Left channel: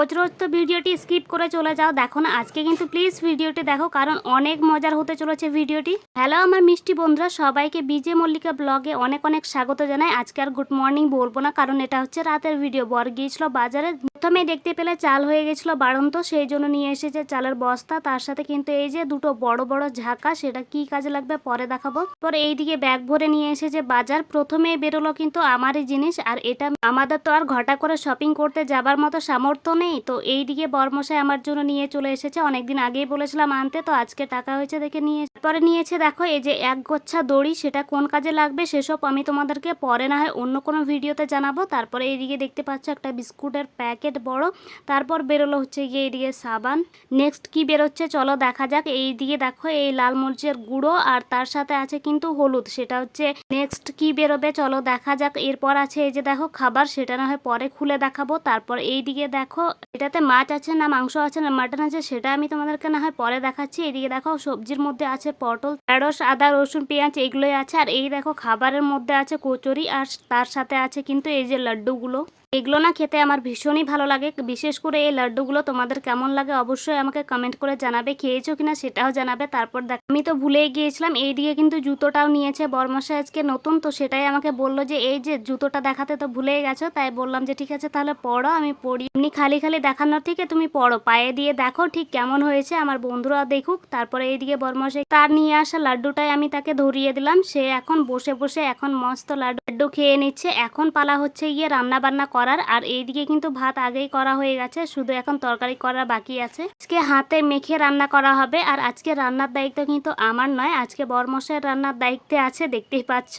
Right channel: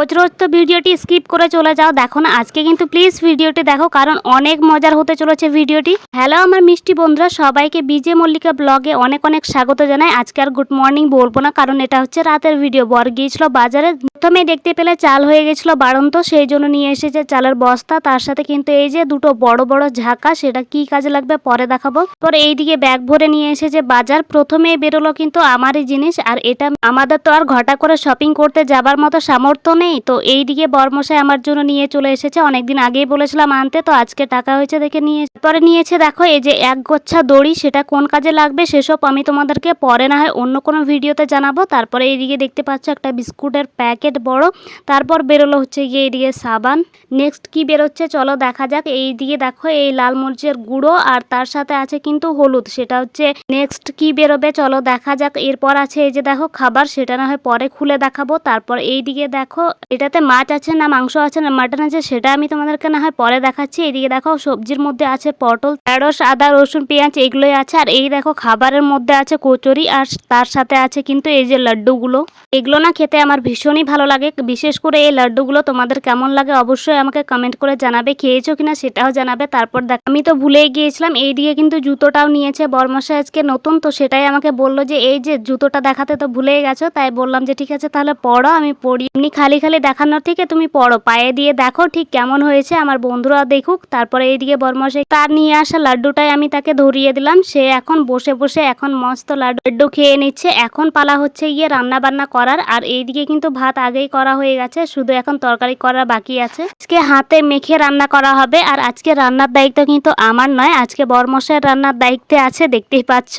রোজ রোজ তো ভিডিওটি স্কিপ করে চলে যাও, দেখো না আজকে কিন্তু প্লিজ ভিডিওটি দেখো, কারণ অনেক মজার হতে চলেছে ভিডিওটি। হ্যালো আমার মিষ্টি বন্ধুরা, সবাইকে বিজে মল্লিকা ব্লগে অনেক অনেক স্বাগত জানাই। আজকে আর গুড মর্নিং বলবো না, কারণ এটা হচ্ছে রাতের ভিডিও। বর গিয়েছিল বাজারে, প্রথমে দেখতে পেলে চাল হয়ে গেছিল বাড়ন্ত, সেই জন্য নিয়ে এসেছে চালের বস্তা, তার সাথে কিন্তু এই যে দুটো বড় বড় ঝাঁকা, সেটা কি কাজে লাগবে পরে দেখাবো। পরে এইদিকে ব্যাগ ভরে নিয়ে এসেছে বাজার। প্রথমে বেরোলো কিন্তু আমারই জিনিস, আর এটা আমাদের তো আর ঘটা করে শপিং করতে যাবার মতো সামর্থ্য নেই, তো এইদিকে বরমশাই আমার জন্য নিয়ে চলে এসেছে। অনেকদিন আগেই বলেছিলাম আনতে, তো আজকে টাকা হয়েছে দেখে নিয়ে পরে নিয়েছে। দেখো এই যে এক গোচ্ছা দড়ি, সেটা কোন কাজে লাগবে সেসব আমি তোমাদেরকে পরে না হয় অন্য কোনো ভিডিওতে জানাবো। তারপরে এইদিকে দেখতে পাচ্ছ একটা বিস্কুটের প্যাকেট বড়, তারপর বেরোলো হচ্ছে গিয়ে এইদিকে সাবান। নেক্সট কি বেরোচ্ছে চলো দেখা যাক। এইদিকে দেখো এই লাল মরিচের গুঁড়ো, আর তার সাথে আছে কিন্তু হলুদ, সেটা হচ্ছে নেক্সট কি বেরোবে চলো দেখা যাক। এরপর আছে এই যে দেখো খাবার, সেটা না হয় পরে খুলে দেখাবো। তারপর এইদিকে দেখো এটাতে মাছ আছে না মাংস আছে না মাটন আছে, সেটা আমি তোমাদেরকে না হয় পরে দেখাচ্ছি। এইদিকে দেখো সবজির মধ্যে আছে পটল, ঢেঁড়স, আদা, রসুন, পেঁয়াজ, এগুলোই আছে। আর এই দেখো খাবারের মধ্যে আছে কচুরি, আর তার সাথে আছে কিন্তু এই যে লাড্ডুগুলো। এগুলো না খেতে আমার ভীষণই ভালো লাগে, বিশেষ করে এই লাড্ডুগুলো। তোমাদের কেমন লাগে অবশ্যই আমাকে কমেন্ট করে জানাবে, খেয়েছো কিনা সেটাও জানাবে। তারপর দেখ আমি তো ভুলেই গিয়েছিলাম, এইদিকে কিন্তু জুতোটাও নিয়েছে বরমশাই আজকে নতুন, তো সেটাই আমাকে বললো যে এই যে জুতোটা দেখাতে তো ভুলেই গেছো। তাই বললাম যে ঠিক আছে তাহলে পড়ো, আমি পড়ি, এমনি খালি খালি দেখানোর থেকে তুমি পড়ো, পায়ে দিয়ে দেখো ঠিক কেমন হয়েছে, আমার বন্ধুরা দেখুক। তারপরে এইদিকে বরমশাই তার নিয়ে আসা লাড্ডুটাই আমি তাকে ধরিয়ে দিলাম, সে এখন বসে বসে এখন মস্ত লাড্ডু খেয়ে নিচ্ছে। এখন পালা হচ্ছে গিয়ে রান্না বান্না করার, আর এইদিকে কিন্তু ভাত আগেই করা হয়ে গেছে, শুধু এখন তরকারি করা বাকি আছে। আজকে হাতে মেখে রান্না করা হবে, আর আজকে রান্নার দায়িত্ব কিন্তু আমার নয়, আজকে বরমশাইয়ের রান্নার দায়িত্বে আছে, দেখতেই পাচ্ছ।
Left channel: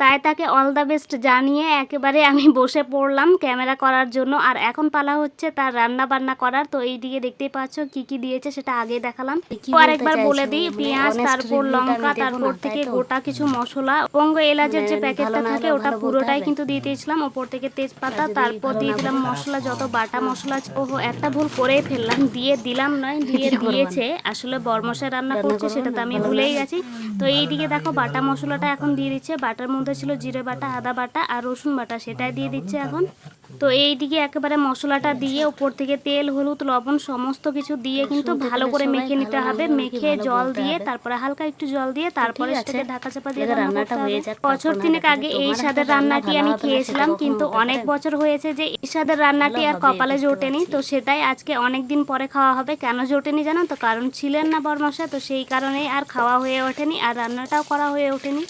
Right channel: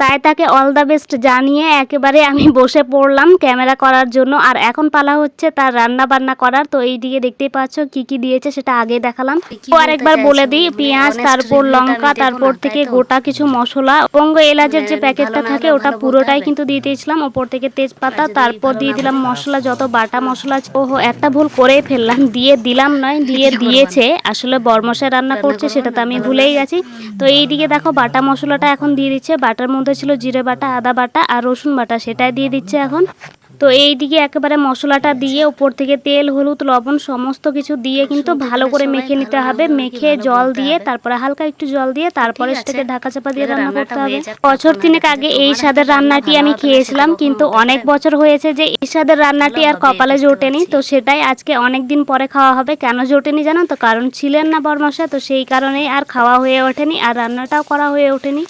তাই তাকে অল দ্য বেস্ট জানিয়ে একেবারে আমি বসে পড়লাম ক্যামেরা করার জন্য। আর এখন পালা হচ্ছে তার রান্না বান্না করার। তো এইদিকে দেখতেই পাচ্ছ কি কি দিয়েছে সেটা আগে দেখালাম, আরেকবার বলে দিই। পেঁয়াজ, তারপর লঙ্কা, তারপর থেকে গোটা কিছু মশলা, বঙ্গ এলাচের যে প্যাকেটটা থাকে ওটা পুরোটাই কিন্তু দিয়ে দিয়েছিলাম, ওপর থেকে তেজপাতা, তারপর দিয়ে দিলাম মশলা, যত বাটা মশলা। ওহো একটা ভুল করেই ফেললাম, দিয়ে দিলাম নয় দিয়ে দিয়েছে, আসলে বরমশাই রান্না করছে সেটা তো আমি ভুলেই গেছি। তো এইদিকে দেখো বাটা মশলাটা এখন দিয়ে দিচ্ছে, বাটার মধ্যে ছিল জিরে বাটা, আদা বাটা আর রসুন বাটা, সেটাই দিয়ে দিচ্ছে এখন। তো এইদিকে একেবারে মশলাটা দিয়ে উপর থেকে তেল, হলুদ, লবণ সমস্ত কিছু দিয়ে কিন্তু ভালো করে মেখে নিতে হবে। মেখে জল দিয়ে, তারপরে হালকা একটু জল দিয়ে, তারপরে সেটাকে ঢাকা চাপা দিয়ে রান্না করতে হবে। বছর 3 আগে এই স্বাদের রান্নাটি আমি খেয়েছিলাম, কিন্তু অনেক বছর হয়েছে যে এই স্বাদের রান্নাটি আর কপালে জোটেনি, তো সেটাই আজকে অনেক দিন পরে খাওয়া হবে। কেন জোটেনি জানো তো, কারণ ছিলেন না বরমশাই, তো সেই কারণেই আর খাওয়া হয়ে ওঠেনি, আর রান্নাটাও করা হয়ে ওঠেনি।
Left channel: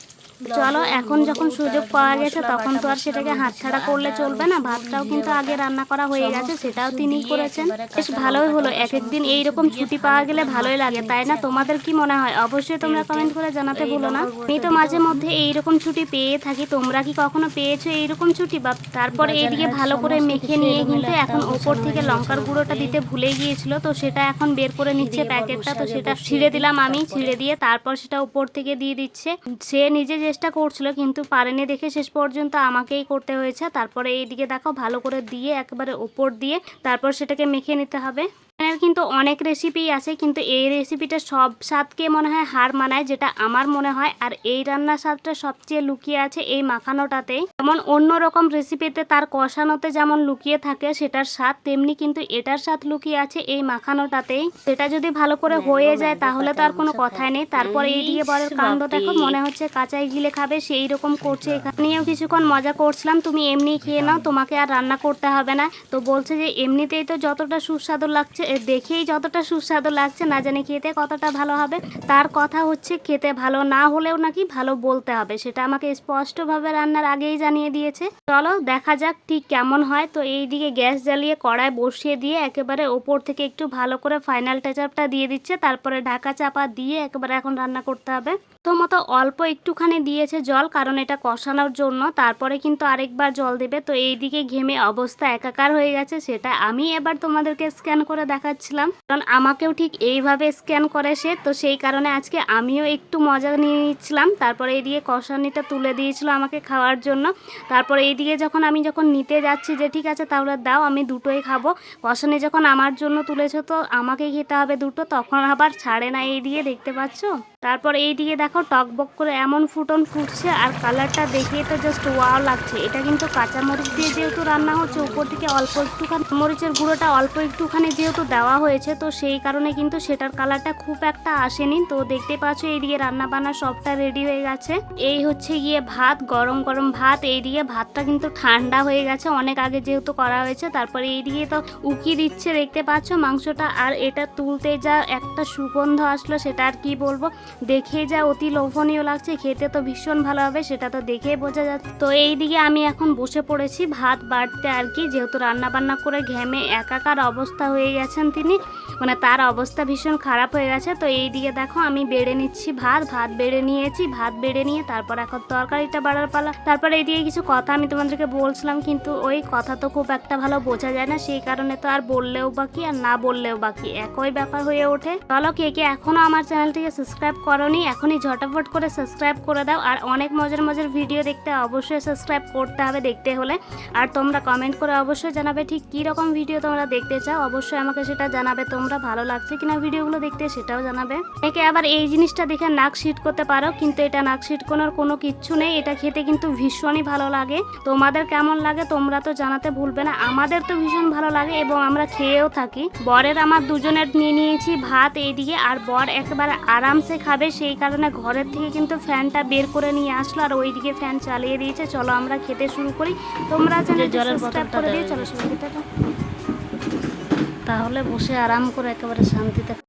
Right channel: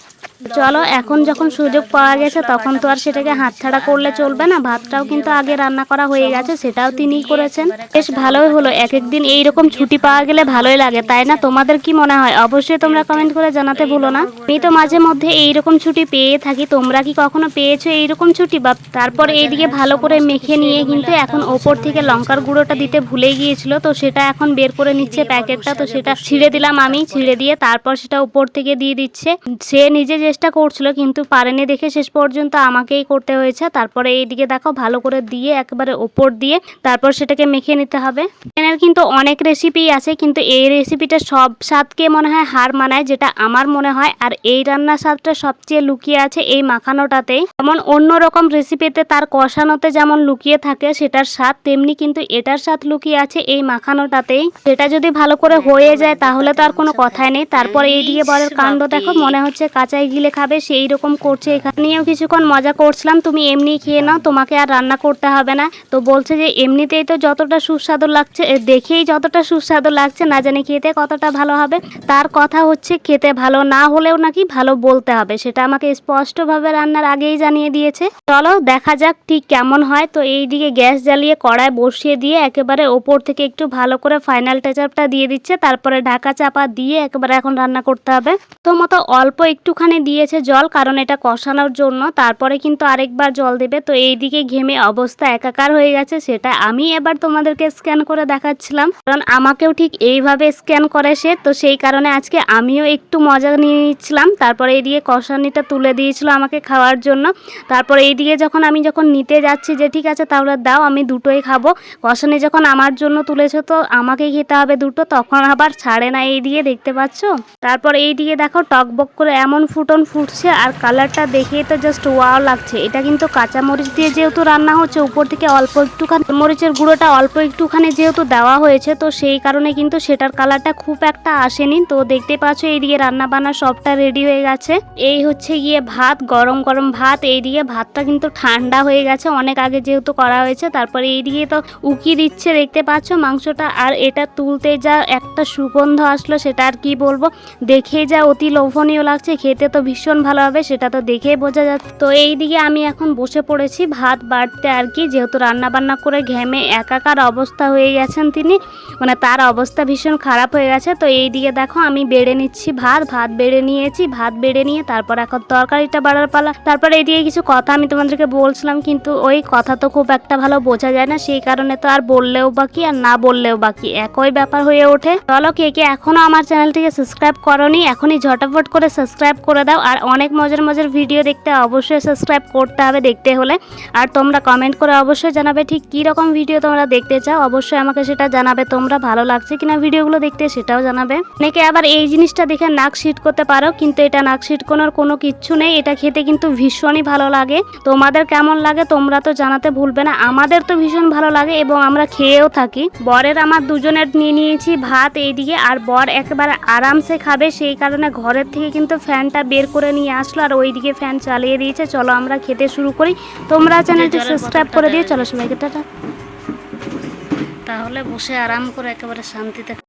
চলো এখন যখন সুযোগ পাওয়া গেছে তখন তো আর সেটাকে হাতছাড়া করলে চলবে না। ভাতটাও কিন্তু আগে রান্না করা হয়ে গেছে, সেটাও তিনিই করেছেন। বেশ ভালোই হলো, এক একদিন এইরকম ছুটি পাওয়া গেলে ভালোই লাগে, তাই না? তোমাদের কি মনে হয় অবশ্যই তোমরা কমেন্ট করে জানাতে ভুলো না। আমি তো মাঝে মধ্যে এইরকম ছুটি পেয়ে থাকি, তোমরা কি কখনো পেয়েছো এইরকম ছুটি? বা তারপরে এইদিকে ভালো করে মেখে নিয়ে কিন্তু এখন ওপর থেকে লঙ্কার গুঁড়োটা দিতে ভুলে গিয়েছিল, তো সেটা এখন বের করে নিচ্ছে প্যাকেটটা, তো সেটা ছিঁড়ে দিলাম আমি, ছিঁড়ে দিয়ে তারপর সেটা উপর থেকে দিয়ে দিচ্ছে। সে নিজে চেষ্টা করছিল কিন্তু পারেনি দেখে শেষ পর্যন্ত আমাকেই করতে হয়েছে। তারপরে এইদিকে দেখো ভালো করে দিয়ে একেবারে ওপর দিয়ে তারপর সেটাকে মেখে নিতে হবে। এর কিন্তু অনেক রেসিপি আছে, কিন্তু এই রেসিপিটা সব স্বাদকে মনে হয় হার মানায়, যেটা আমার মনে হয়। আর এই রান্নার স্বাদটা সবচেয়ে লুকিয়ে আছে এই মাখানোটাতেই। যেমন অন্যরকম রেসিপিতে তার কষানোতে যেমন লুকিয়ে থাকে সেটার স্বাদ, তেমনি কিন্তু এটার স্বাদ লুকিয়ে আছে এই মাখানোটাতেই। সেটা যদি ভালো করে হয়ে যায় তাহলে তো আর কোনো কথাই নেই। তারপর এইদিকে বরের কাণ্ড দেখো, মনে হচ্ছে কাঁচাই গিলে খাবে সেই রকম করছে। এখানেও কিছুক্ষণ মজা করছিলাম, তুমি এমনি খেয়ে নাও, তোমাকে আর রান্না করতে হবে না। তো বলছে যে এমনিতেই তো যতটা সুস্বাদু লাগছে, দেখেই যতটা সুস্বাদু লাগছে, না জানি খেতে কতটা ভালো হবে। তার কথা হচ্ছে খেতে ভালো না হলেও নাকি ভালো বলতে হবে, সেটা আমাকে স্পষ্টভাবে রান্নার আগেই জানিয়ে দিয়েছে। চলো দেখা যাক ঠিক কেমন হয়। তো এইদিকে গ্যাস জ্বালিয়ে কড়াই বসিয়ে দিয়ে একেবারে ওপর থেকে একটু ভালো করে ফাইনাল টাচআপটা দিয়ে দিচ্ছে, তারপরে ঢাকা চাপা দিয়ে একেবারে এখন রান্না করতে হবে। তো মতো অল্প একটুখানি দিয়েছে জল, কারণ এটা কষানোর জন্য, তারপরে কিন্তু আরেকবার জল দেবে। তো এইদিকে ঘেমে অবস্থা একাকার হয়ে গেছে, সেটা আমি এবার তোমাদেরকে স্ক্যান করে দেখাচ্ছিলাম, কারণ আমাকেও ঠিক এইভাবে স্ক্যান করে সে, তো সেই কারণে আজকে আমিও একটু মজা নিয়ে নিচ্ছিলাম। তারপরে এইদিকে কষানিটা তুলে দিয়েছিল আমাকে খাওয়ার জন্য। তারপরে এইদিকে যখন আমি নিতে যাচ্ছি যে ঠিক আছে তাহলে দাও, আমি দুটোই খাবো, কষানি যখন আমার জন্য তুলেছো তো আমাকেই খেতে হবে দুটো, তখন আবার ছাড়ে না। এইদিকে দেখতে পাচ্ছ। তারপর এইদিকে দেখো টকবক করে এমন ফুটো ফোটন ফুটছে আর কালারটা দেখেই তো জাস্ট ওয়াও লাগছে। এটা কিন্তু কাঁচামরিচ দিয়ে যেহেতু রান্না হচ্ছে, উপর থেকে অল্প একটুখানি মরিচের গুঁড়োটা অল্প একটুখানি যেহেতু দেওয়া হয়েছে, তো সেই কারণে কিন্তু সেটার কালারটা খুব একটা আসেনি। তো দেখতে পাচ্ছ এইদিকে রান্না বান্না সবটা রেডি হয়ে গেছে। এই হচ্ছে গিয়ে ভাত, গরম গরম ভাত। এইদিকে ভাতটা কিন্তু ঠান্ডা হয়ে গেছে অনেক আগে যেহেতু করা হয়েছে। তারপরে এইদিকে তো উকি দিচ্ছে দেখতে পাচ্ছ মাংসটা, আর এটা তুলতে যা একটা সুগন্ধ আসলো সেটা আর কি বলবো, দেখে যা অতি লোভনীয় লাগছে। খেতে তো ভীষণ ভালো হবে, সেটা তো দেখেই বোঝা যাচ্ছে। তো এইদিকে আমি এখন বসে পড়েছি ভাত বাড়তে আর কি, যেহেতু রান্না বান্না করে ঘেমে একাকার অবস্থা হয়ে গেছেন তিনি, মানে তার অবস্থা ভীষণ খারাপ হয়ে গেছে। তো এইদিকে দেখো আমি বেড়ে নিচ্ছি ভাত বেড়ে নিয়েছি। ভাত বেড়ে নিয়ে তারপর এখন তরকারিটা বাড়ার পালা। তারপর এইদিকে কিছু কথা আমি তোমাদেরকে বলছিলাম, কিন্তু ওই কথা তো খুব একটা ভালো বোঝা যায় না, সেই কারণে তো আর বললেও বাকি আর না বললেও বাকি একই ব্যাপার হয়ে ওঠে। চলো কে কে এখনো আমার চ্যানেলটিকে সাবস্ক্রাইব করোনি, এখনই ঝটাফট করে সাবস্ক্রাইব করে দাও। আর অনেক মজার মজার ভিডিও দেখতে অবশ্যই সাবস্ক্রাইব করতে হবে দেখতে হলে। আর তোমরা কমেন্ট করে অবশ্যই জানাবে ঠিক কী রকম ভিডিও তোমরা দেখতে চাও, অবশ্যই আমাকে সেটা জানাবে। তোমরা ভালো লাগছে কিনা ভিডিওগুলো দেখতে সেটাও জানাবে। অনেকে আবার এই জিনিসটা দেখে নাক সিট করতে পারো, কিন্তু এটা নাক সিটকোনোর কোনো কিচ্ছু নেই। এটা খেতে কিন্তু ভীষণই ভালো লাগে। তোমাদের কেমন লাগে তোমরা তো জানাতে ভুলবে না। আমাদের তো ভীষণ ভালো লাগে এবং আমরা খেয়েও থাকি। বরের আমার দুজনের নিয়ে নিয়েছি ভাত এইদিকে, আর বর একেবারে আরামসে খাবে, সেই কারণে ঘরের থেকে কিন্তু ফ্যানটা বের করে নিয়ে আসলো আর ওইদিকে ফ্যান চালিয়ে দিয়েছে। চলো আমরা খেতে শুরু করি। তোমরা চ্যানেলটি সাবস্ক্রাইব করে দিয়ে চলো সবাইকে টাটা। তাহলে বসে আরাম করে একেবারে শান্তিতে